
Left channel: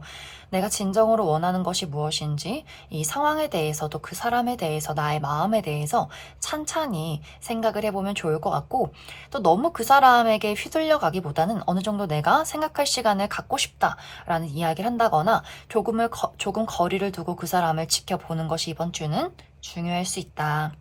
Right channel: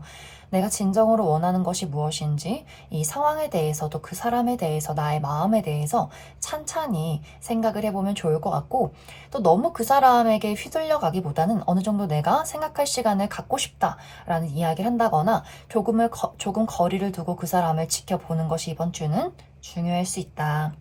내가 진정으로 원하는 것이 무엇인지, 이 상황에 대해서도 그 사람에 대해서 나의 마음에 대해서 찬찬히 생각을 해보면 좋을 것 같고, 또 너무 그 사람에게 휘둘려 가기보다는 어느 정도 내가 생각할 시간을 갖고 싶다라는 이야기를 한다거나 조금 거리를 두고 그 사람을 지켜보는 것이 이번 주는 중요할 수 있다.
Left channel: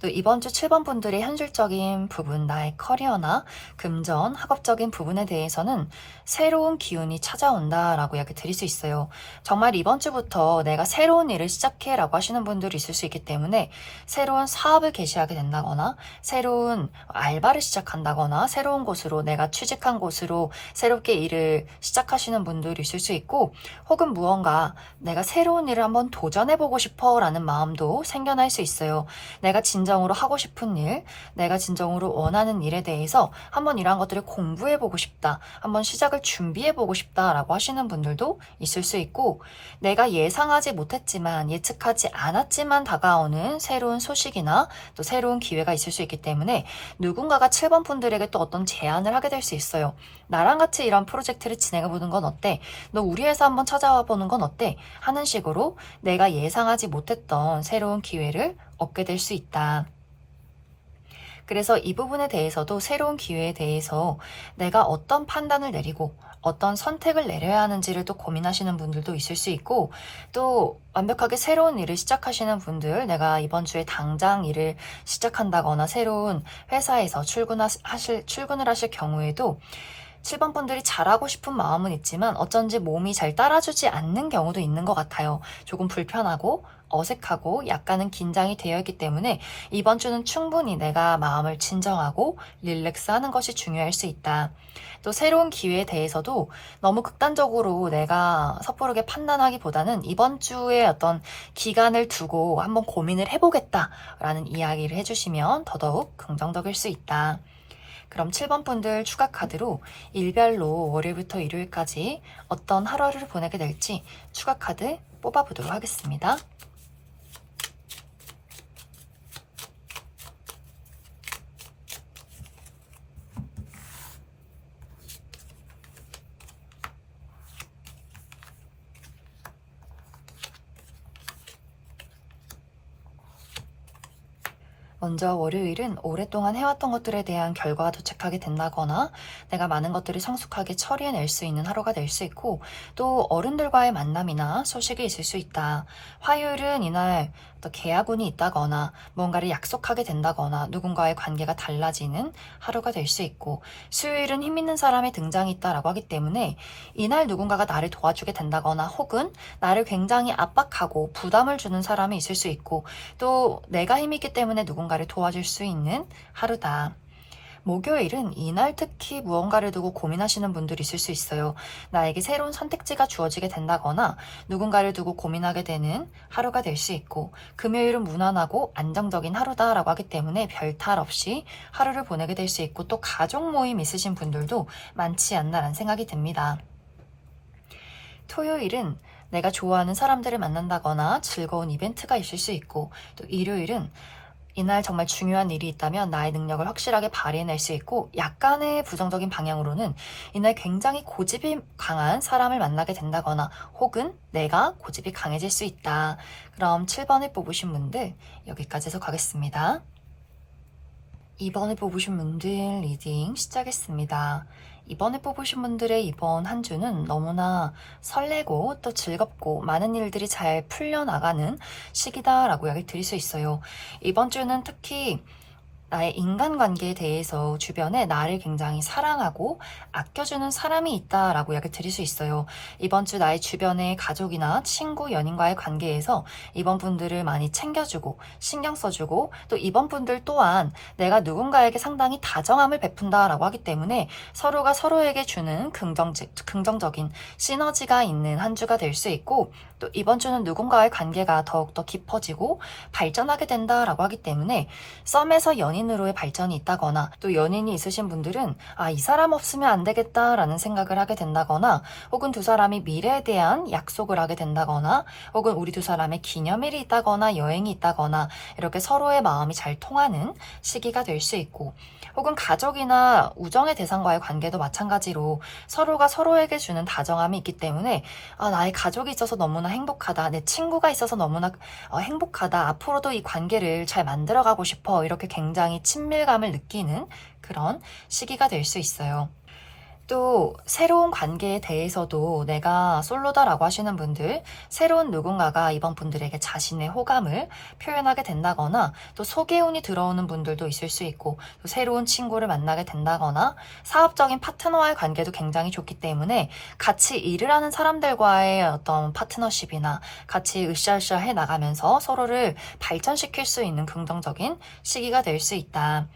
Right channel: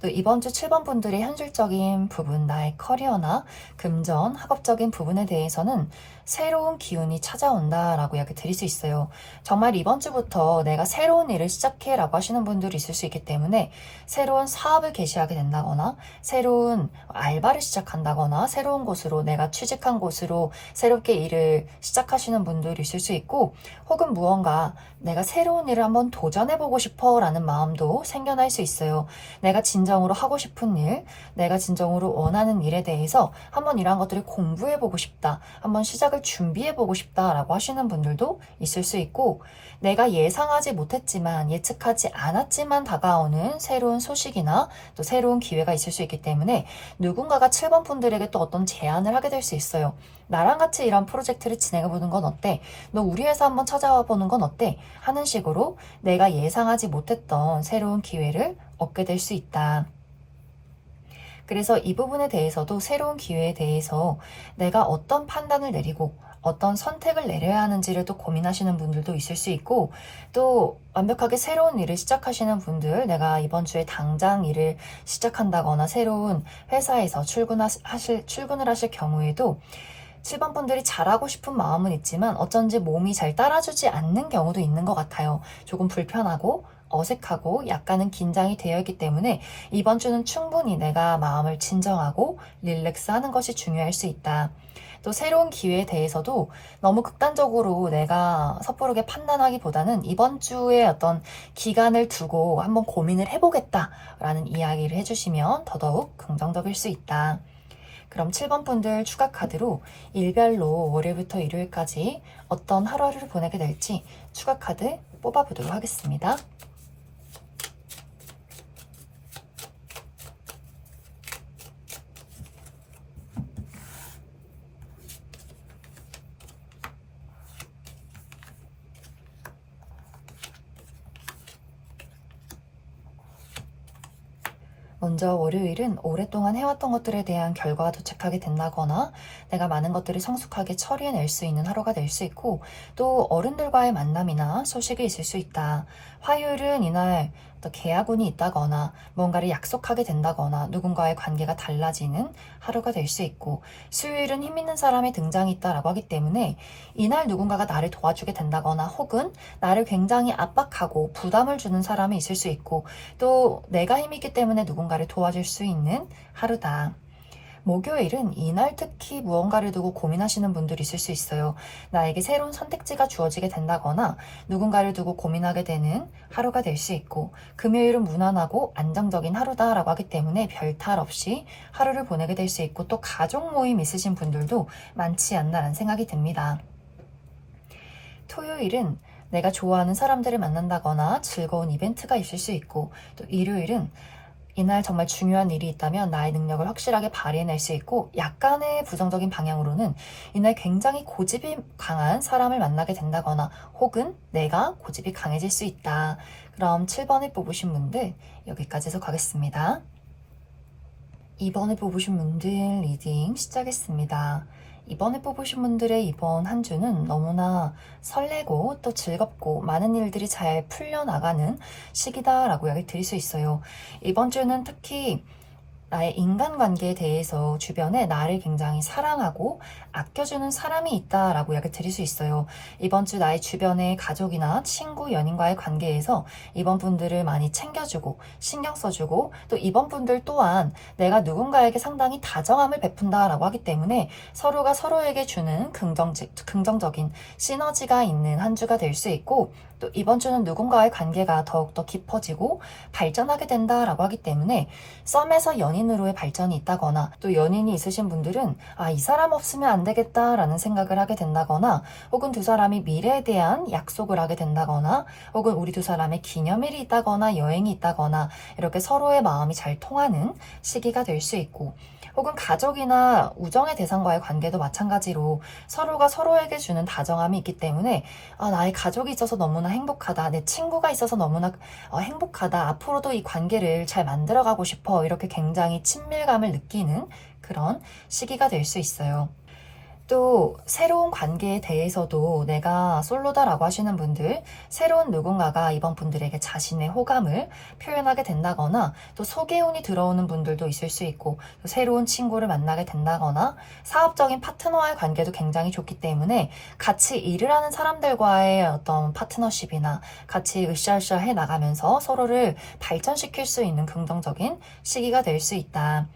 또 이번 주 7번 분들의 현실적인 부분, 나의 커리어나 금전, 학업적인 부분에 대해서는 새로운 기운이 찾아온다라고 이야기 드릴 수 있어요. 정말 이번 주부터 내가 새로운 일을 시작해라고 하시는 분들이 있을 수 있기 때문에 새로운 사업을 개시하게 된다거나 새로운 알바를 시작한다거나 새로운 곳으로 내가 취직한 곳으로 새롭게 일을 시작하시는 분들이 있을 수 있고 혹은 무언가 내가 새로운 일을 한번 도전해보고 싶어라는 마음도 생겨날 수 있어요. 내가 진정으로 하고 싶은 일, 내가 진정으로 원하는 일에 대해서 한번 이러한 것들을 공부해보고 싶다, 한번 시작을 준비해보고 싶다라고 하시는 분들도 있을 수 있고 내가 예상하지 못했지만 예측하지 않았지만 다가오는 새로운 소식이나 또 새로운 기회가 있을 수 있기 때문에 누군가가 7번 분들에게 또 어떤 제안을 하게 될 수 있어요. 나랑 같이 이런 프로젝트를 진행해보는 건 어때? 너 우리 회사 한번 찾아와 보는 건 어때? 하는 식으로 내가 예상하지 못했던 새로운 기회를 얻게 될 수 있다. 그래서 이 부분에 대해서도 새로운 기회에 대해서 내가 어떤 판단을 내리고 어떤 선택을 내려야 하는지를 또 고민하시는 분들도 있을 수 있고 또 완벽하게 새로운 일을 시작하시는 분들, 내가 이번 주에 당장 일을 시작한다거나 새로운 회사에서 출근을 하실 경우에도 7번 분들이 잘하고 싶은 마음은 있지만 어쩐지 몸이 잘 따라주지 않는 경우도 있는 것 같아요. 조금 불편하고 어색하고 약간은 긴장이 되어 있기 때문에 이번 주는 충분히 내가 마음을 진정하고 릴렉스하는 것이 중요할 수 있다. 또 새로운 기회에 대해서도 너무 극단적으로 내가 섣부르게 판단하기보다는 이번 주에 어떤 기간을 두고 한번 고민을 해보겠다라는 이야기를 해주시면 더더욱 긍정적일 수 있다. 그럼 7번 분들 추가 카드로 일별로 월요일부터 일요일까지 어떤 하루를 보내게 될지 추가 카드 뽑아보도록 하겠습니다. 먼저 월요일은 오랫동안 해왔던 것들에 대한 결과가 도착하게 된다거나 내가 많은 것들을 성숙하게 처리해낼 수 있는 하루가 될 수 있고 또 어른들과의 만남이나 소식이 있을 수 있다. 화요일은 이날 또 계약운이 있다거나 뭔가를 약속하게 된다거나 누군가의 관계가 달라지는 하루가 될 수 있고 수요일은 힘 있는 사람의 등장이 있다라고 하기 때문에 이날 누군가가 나를 도와주게 된다거나 혹은 나를 굉장히 압박하고 부담을 주는 사람이 있을 수 있고 또 내가 힘이 있기 때문에 누군가를 도와줄 수 있는 하루다. 목요일은 이날 특히 무언가를 두고 고민하시는 분들이 있을 수 있어요. 나에게 새로운 선택지가 주어지게 된다거나 누군가를 두고 고민하게 되는 하루가 될 수 있고 금요일은 무난하고 안정적인 하루다라고 하기 때문에 별탈 없이 하루를 보내게 될 수 있고 또 가족 모임 있으신 분들도 많지 않나라는 생각이 듭니다. 토요일은 내가 좋아하는 사람들을 만난다거나 즐거운 이벤트가 있을 수 있고 또 일요일은 이날 정말 중요한 일이 있다면 나의 능력을 확실하게 발휘해낼 수 있고 약간의 부정적인 방향으로는 이날 굉장히 고집이 강한 사람을 만나게 된다거나 혹은 내가 고집이 강해질 수 있다. 그럼 7번을 뽑으신 분들 여기까지 해서 가겠습니다. 2번을 뽑으신 분들 리딩 시작했습니다. 이번에 뽑으신 분들의 이번 한 주는 너무나 설레고 또 즐겁고 많은 일들이 잘 풀려나가는 시기다라고 이야기 드릴 수 있어요. 이번 주는 특히 나의 인간관계에 대해서 주변에 나를 굉장히 사랑하고 아껴주는 사람이 있다라고 이야기 드릴 수 있어요. 이번 주 나의 주변의 가족이나 친구, 연인과의 관계에서 이번 분들을 많이 챙겨주고 신경 써주고 또 이번 분들 또한 내가 누군가에게 상당히 다정함을 베푼다라고 하기 때문에 서로가 서로에게 주는 긍정적인 시너지가 있는 한 주가 될 수 있고 또 이번 주는 누군가의 관계가 더욱더 깊어지고 발전하게 된다라고 하기 때문에 썸에서 연인으로의 발전이 있다거나 또 연인이 있으신 분들은 이 사람 없으면 안 되겠다라는 생각을 하게 된다거나 혹은 두 사람이 미래에 대한 약속을 하게 된다거나 혹은 우리 두 사람의 기념일이 있다거나 여행이 있다거나 이렇게 서로의 마음이 잘 통하는 시기가 될 수 있고 혹은 가족이나 우정의 대상과의 관계도 마찬가지로 서로가 서로에게 주는 다정함이 있기 때문에 나의 가족이 있어서 너무나 행복하다. 내 친구가 있어서 너무나 행복하다. 앞으로도 이 관계를 잘 만들어가고 싶어. 이렇게 굉장히 친밀감을 느끼는 그런 시기가 될 수 있어요. 또 새로운 관계에 대해서도 내가 솔로다라고 하시는 분들, 새로운 누군가가 이번 분들에게 자신의 호감을 표현하게 된다거나 또 소개운이 들어오는 분들도 있을 수 있고 또 새로운 친구를 만나게 된다거나 사업적인 파트너와의 관계도 굉장히 좋기 때문에 같이 일을 하는 사람들과의 어떤 파트너십이나 같이 으쌰으쌰 해 나가면서 서로를 발전시킬 수 있는 긍정적인 시기가 될 수 있다.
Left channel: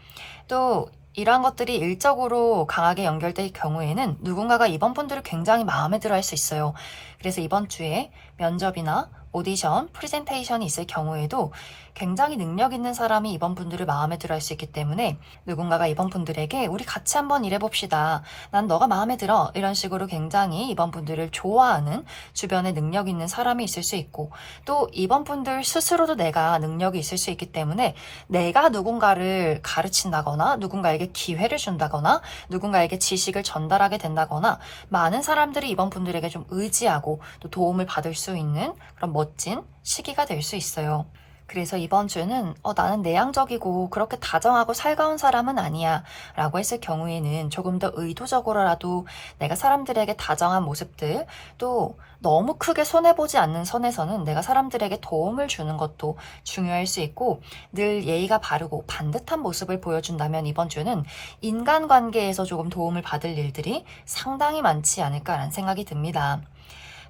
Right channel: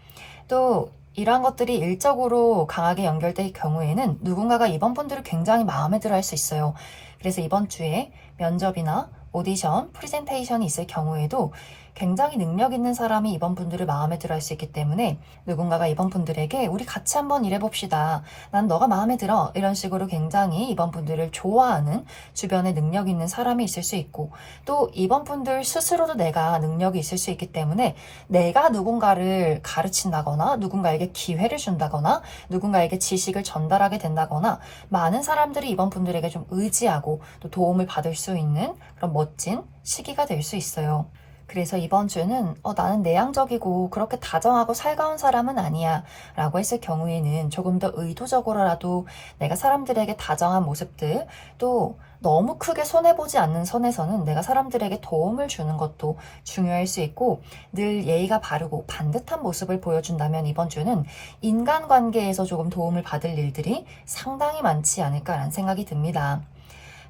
또 이러한 것들이 일적으로 강하게 연결될 경우에는 누군가가 이번 분들을 굉장히 마음에 들어 할 수 있어요. 그래서 이번 주에 면접이나 오디션, 프레젠테이션이 있을 경우에도 굉장히 능력 있는 사람이 이번 분들을 마음에 들어 할 수 있기 때문에 누군가가 이번 분들에게 우리 같이 한번 일해봅시다. 난 너가 마음에 들어. 이런 식으로 굉장히 이번 분들을 좋아하는 주변에 능력 있는 사람이 있을 수 있고 또 이번 분들 스스로도 내가 능력이 있을 수 있기 때문에 내가 누군가를 가르친다거나 누군가에게 기회를 준다거나 누군가에게 지식을 전달하게 된다거나 많은 사람들이 이번 분들에게 좀 의지하고 또 도움을 받을 수 있는 그런 멋진 시기가 될 수 있어요. 그래서 이번 주는 나는 내향적이고 그렇게 다정하고 살가운 사람은 아니야 라고 했을 경우에는 조금 더 의도적으로라도 내가 사람들에게 다정한 모습들 또 너무 크게 손해보지 않는 선에서는 내가 사람들에게 도움을 주는 것도 중요할 수 있고 늘 예의가 바르고 반듯한 모습을 보여준다면 이번 주는 인간관계에서 조금 도움을 받을 일들이 상당히 많지 않을까라는 생각이 듭니다.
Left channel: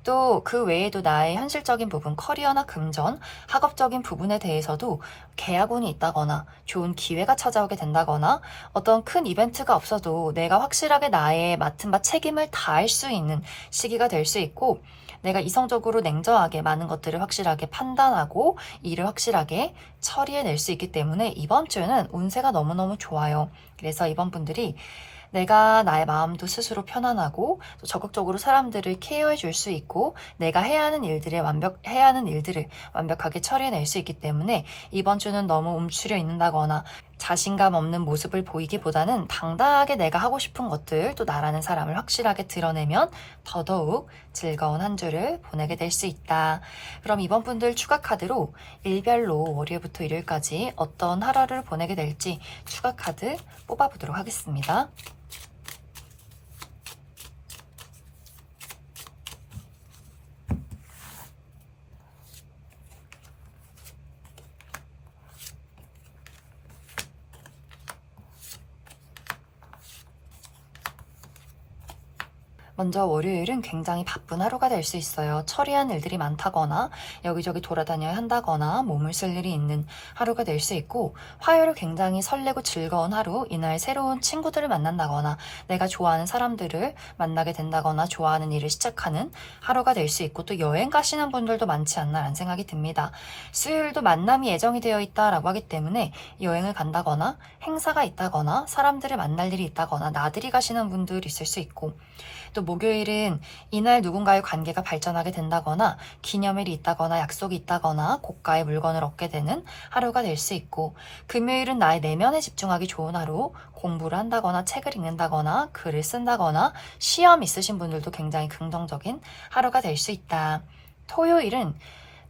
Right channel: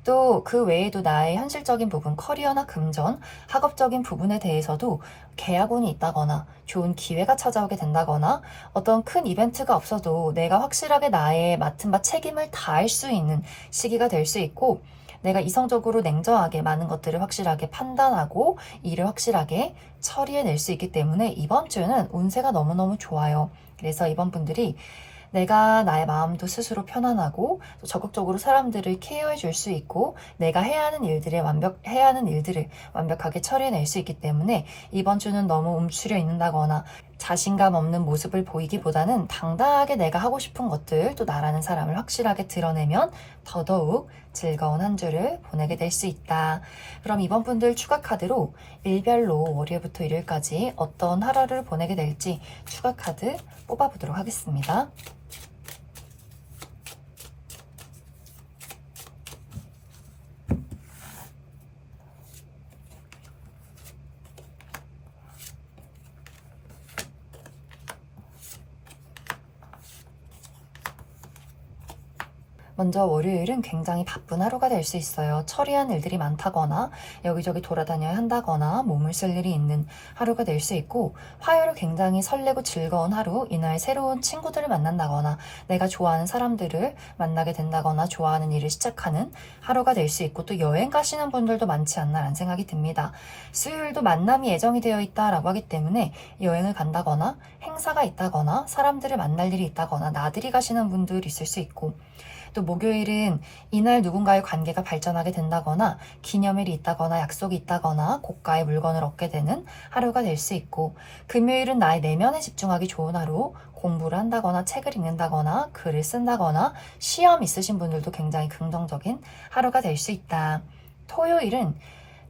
또 그 외에도 나의 현실적인 부분, 커리어나 금전, 학업적인 부분에 대해서도 계약운이 있다거나 좋은 기회가 찾아오게 된다거나 어떤 큰 이벤트가 없어도 내가 확실하게 나의 맡은 바 책임을 다할 수 있는 시기가 될 수 있고 내가 이성적으로 냉정하게 많은 것들을 확실하게 판단하고 일을 확실하게 처리해낼 수 있기 때문에 이번 주는 운세가 너무너무 좋아요. 그래서 이번 분들이 내가 나의 마음도 스스로 편안하고 또 적극적으로 사람들을 케어해 줄 수 있고 내가 해야 하는 일들을 완벽하게 처리해낼 수 있기 때문에 이번 주는 너무 움츠려 있는다거나 자신감 없는 모습을 보이기보다는 당당하게 내가 하고 싶은 것들 또 나라는 사람을 확실하게 드러내면 더더욱 즐거운 한 주를 보내게 될 수 있다. 그럼 이번 분들 추가 카드로 일별로 월요일부터 일요일까지 어떤 하루를 보내게 될지 추가 카드 뽑아보도록 하겠습니다. 먼저 월요일은 굉장히 바쁜 하루가 될 수 있어요. 처리한 일들이 많다거나 여기저기 돌아다녀야 한다거나 몸을 쓸 일이 있는 하루가 될 수 있고 화요일은 굉장히 설레고 즐거운 하루, 이날 새로운 친구들을 만난다거나 내가 좋아하는 사람들을 만나게 된다거나 좋아하는 일을 시작하는 하루가 될 수 있고 또 여행 가시는 분들도 많지 않나라는 생각이 듭니다. 수요일도 만남이 예정이 되어 있다라고 하기 때문에 여행을 간다거나 행사가 있다거나 사람들을 만날 일이 있다거나 나들이 가시는 분들 있을 수 있고 또 목요일은 이날 누군가의 관계가 발전하게 된다거나 기념일이 있다거나 약속이 있다거나 고가의 물건을 얻게 되는 하루가 될 수 있고 금요일은 나의 내면에 집중하기 좋은 하루, 공부를 한다거나 책을 읽는다거나 글을 쓴다거나 시험 있으신 분들도 굉장히 긍정적인 하루가 될 수 있다. 토요일은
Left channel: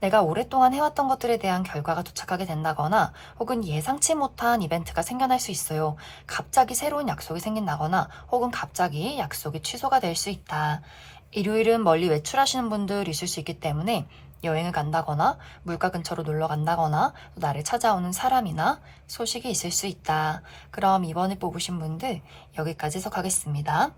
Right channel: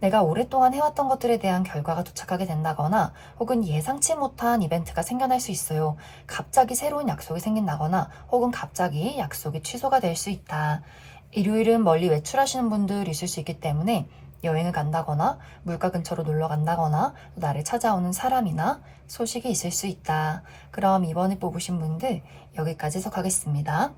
내가 오랫동안 해왔던 것들에 대한 결과가 도착하게 된다거나 혹은 예상치 못한 이벤트가 생겨날 수 있어요. 갑자기 새로운 약속이 생긴다거나 혹은 갑자기 약속이 취소가 될 수 있다. 일요일은 멀리 외출하시는 분들 있을 수 있기 때문에 여행을 간다거나 물가 근처로 놀러 간다거나 나를 찾아오는 사람이나 소식이 있을 수 있다. 그럼 이번에 뽑으신 분들 여기까지 해석하겠습니다.